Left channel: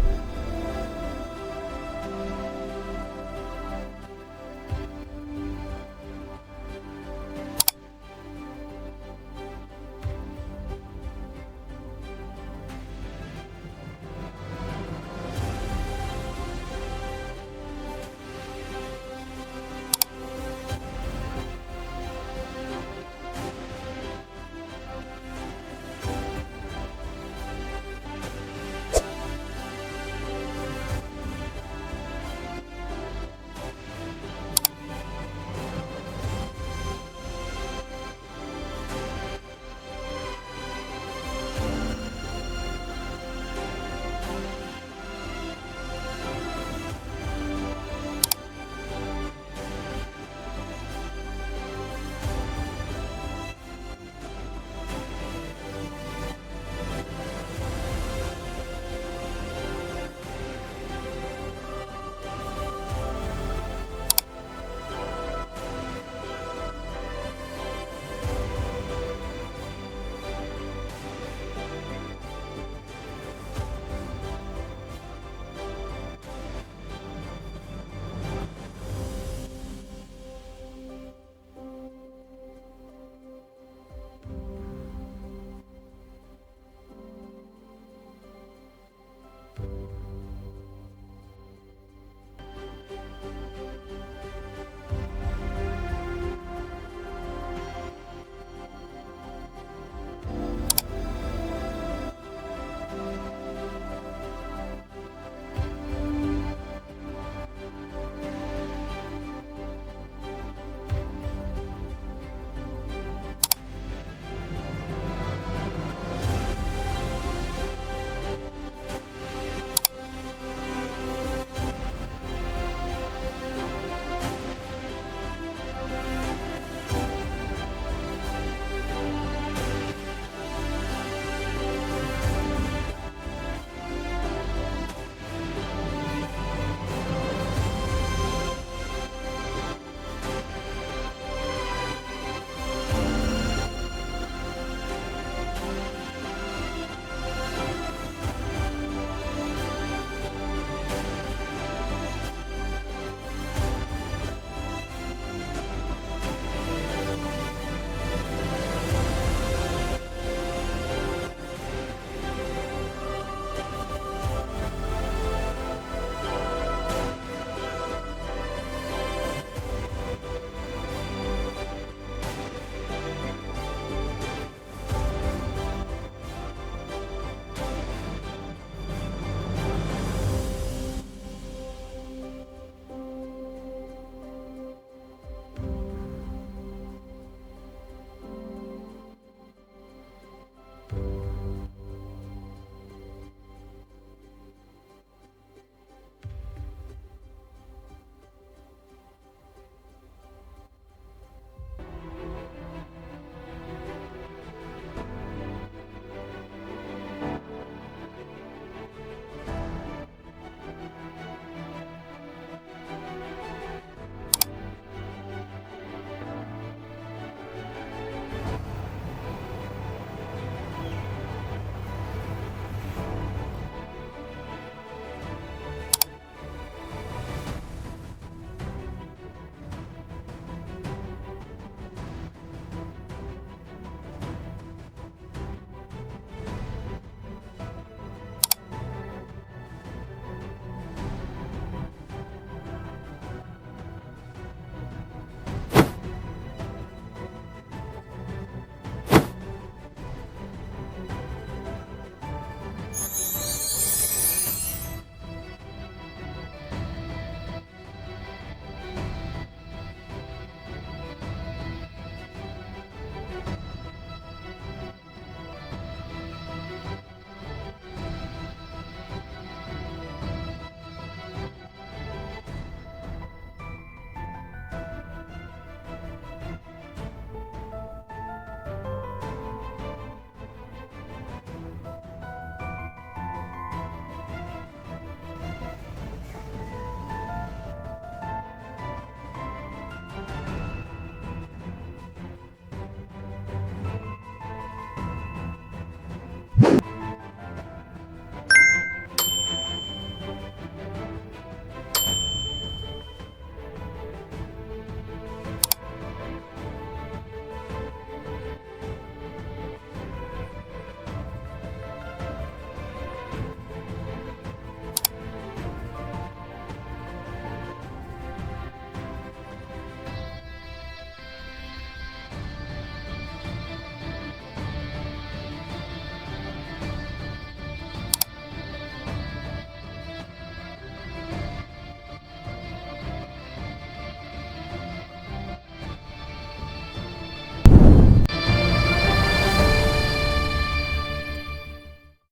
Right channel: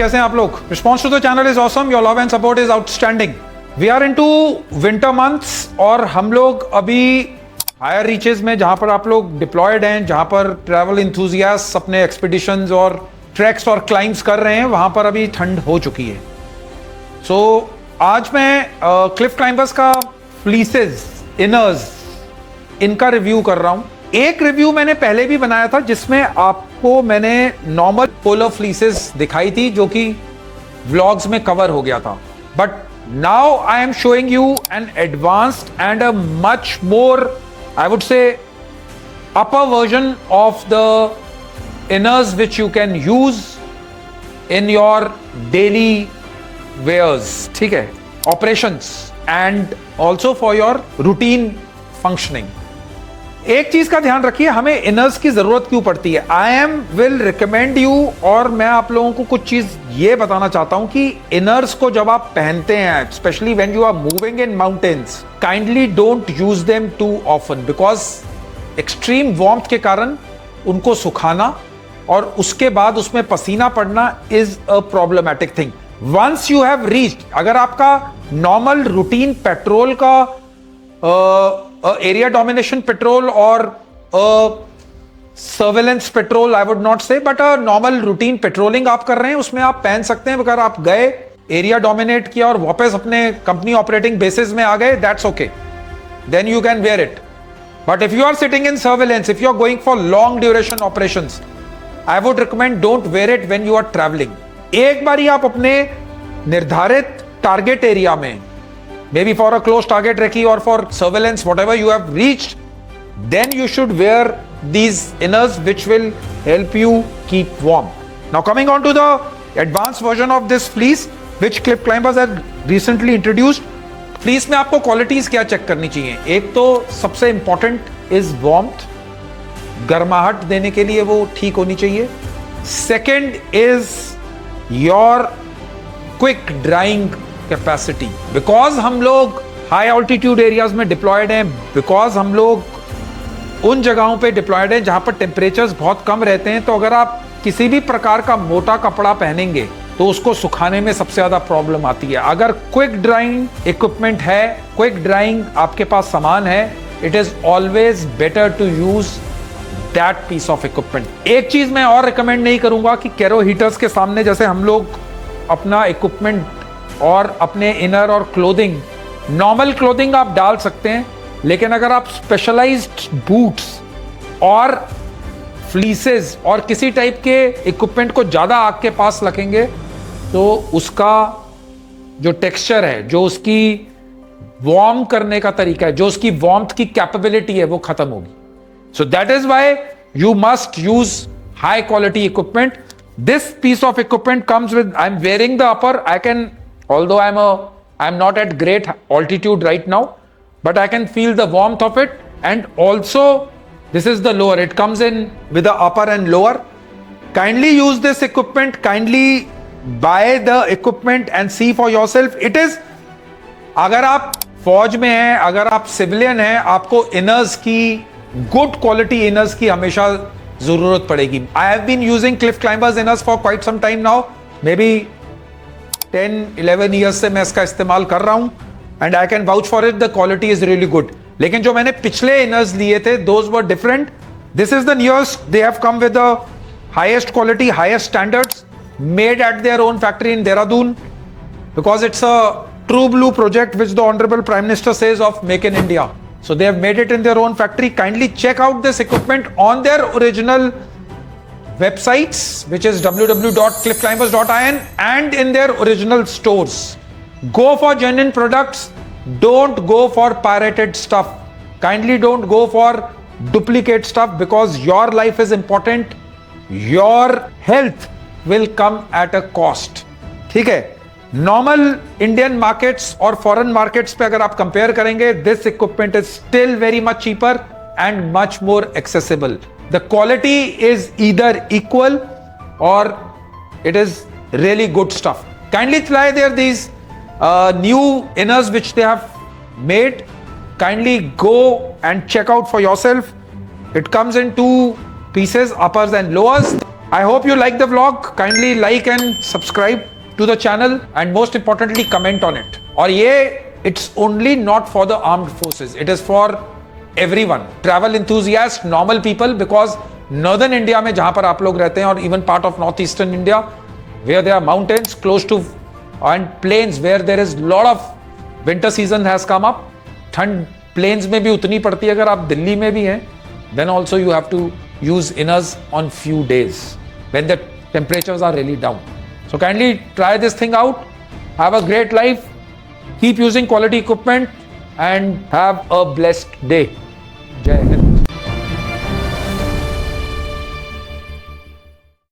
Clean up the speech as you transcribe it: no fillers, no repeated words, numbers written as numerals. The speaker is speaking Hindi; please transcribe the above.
कैसे हैं आप लोग? Response to the channel is awesome, your love and support is outstanding. We are into winter months और हम लोग अभी हायर रीचेस में, जहां पर आप लोग डिप्लॉयड हैं, जहां पर ट्रैवल इंथुजियास्ट अपने एक्सपीडिशंस और ट्रैक्स और क्लाइंब्स कर रहे हैं, वहां पर अभी ठंड हो चुकी है। सो आज मैं क्लिफ क्लाइंबर्स का फ्लीसेस, इनर्स, इनका रिव्यू कर रहा हूं। एक रिव्यू मैंने पहले भी बनाया था जिसमें आपको मैंने नॉर्मल पोलर फ्लीसेस दिखाई थी जो कि व्लॉग्स में कवर हो गया था, but now I am showing you N advanced and a much more, I would say, upper version of the inners which you can use in your daily wears, ठीक है, operations and also for your routine functioning। एक चीज का ध्यान रखिए, हमें इनर्स की जरूरत क्यों पड़ती है। I am will recommend you, और मैं आप लोगों को कुछ चीज ये बताना चाहता हूं कि इनर्स को जब आप पहनते हैं, specially when you are moving in mountains, kindly don't use them too often, because extreme warmth के कारण उनको सुखाना और उसके बाद उसमें पसीना पड़ना is a problematic thing. Once you have reached, अगर आपका नॉर्मल रूटीन पेट्रोल का एरिया डोमिनेशन पेट्रोल और surveillance patrol, I would not say, but a normal routine patrolling आप कर रहे हैं, उसमें आप पहन सकते हैं। अगर आप गए, एरिया डोमिनेट किया और वापस अपने कंपनी ऑपरेटिंग बेसिस में आ गए, that's okay, then you can wear it. But if you are sitting in surveillance, if you are going for long duration operations, I would recommend don't wear it when you are travelling. एक बार ही आप अपने निर्धारित टारगेट एरिया में, maybe for a close target recce or for surveillance, whatever you have reached, then you should wear these inners which will help you keep warm. Now coming on to the advanced version of this fleece which Cliff Climbers have recently introduced. Fleece में आपको qualities क्या check करनी चाहिए? एक तो सबसे important is warmth, गर्माहट देने के लिए वो ठीक होनी चाहिए। Second is your quick drying capacity, because हम लोग हाई ऑल्टीट्यूड एरियाज में डिप्लॉयड हैं, बिकॉज हम लोग उन जगहों पे डिप्लॉयड हैं जहां पर टेम्परेचर्स बहुत कम रहते हैं। तो अगर आप किसी भी प्रकार का मोटा कपड़ा पहनेंगे तो उसको सुखाने में सबसे ज्यादा प्रॉब्लम आती है। अगर क्विक ड्राइंग इक्विपमेंट है, क्विक ड्राइंग आपके पास सामान है, it is always better to use that piece of equipment. एक चीज मैं और रिकमेंड नहीं करूंगा कि कैरो हीटर्स के सामने जैसे हम लोग अपना इक्विपमेंट और अपने इनर और क्लोथिंग, नॉर्मल क्लोथिंग आप डाल सकते हैं, लेकिन अगर आप स्पेशलाइज्ड बूट्स और फ्लीसेस और किसी टाइप के इक्विपमेंट को ज्यादा आग के पास रखेंगे तो उसका जो टेक्सचर है, जो उसकी वार्म करने का तरीका है, जो उसकी वार्मथ की कैपेबिलिटी है, वो खत्म होगी। So that is why you must use high quality equipment. This piece of equipment comes with, I am wearing the upper, I can, although I'm not at great altitude right now, but I can feel the warmth of it. And also this is the lower, it comes in with the upper and lower. Kindly use this equipment, kindly buy the equipment and see for yourself. It is, अगर आप फौज में हैं, अगर आप सिविलियन हैं, आपको इनर्स की, गुड क्वालिटी इनर्स की हमेशा जरूरत पड़ेगी। I have been using Cliff Climbers inners for quite some time now, maybe 10-11 years से मैं इसका इस्तेमाल कर रहा हूं, and I can vouch for it, the quality is really good. लेकिन जो मैंने पिछले इनर्स लिए थे, those were different. This is the newest, they have come with the highest quality, highest standards, made at their own factory in Dehradun, because it's a true blue project which the honorable prime minister says of make in India. So they have made it in their own factory. Kindly check out this equipment on their original websites, which is www.cliffclimbers.in, and in their original stores. Go for genuine products, don't go for pirated stuff. Kindly don't go for duplicate stuff, because your life is important, your health will come at a cost. ठीक है, नॉर्मल इंडियन मार्केट्स और फॉरेन मार्केट्स पे अगर आप कंपेयर करेंगे, this equipment is still very much cheaper and much more accessible. The quality is either equal or it is really good stuff. Kindly try these new inners which they have made. Kindly go and check out for yourself. It comes in two pieces, uppers and lowers. I hope you like the vlog. Kindly like and subscribe to the channel and most importantly comment on it. और ये it's only not for the armed forces. It is for everyone. Travel enthusiasts, normal people, because northern India में जहाँ पर आप लोग रहते हैं और even part of northeastern India where there are mountains close to and plains where there is lot of winter season has come up. ठंड plains में भी उतनी पड़ती है अगर आप दिल्ली में भी हैं. Then also you have to use inners on few days when the temperatures are really down. So kindly try this thing out. Have a great life. Keep using quality equipment and have a blessed day.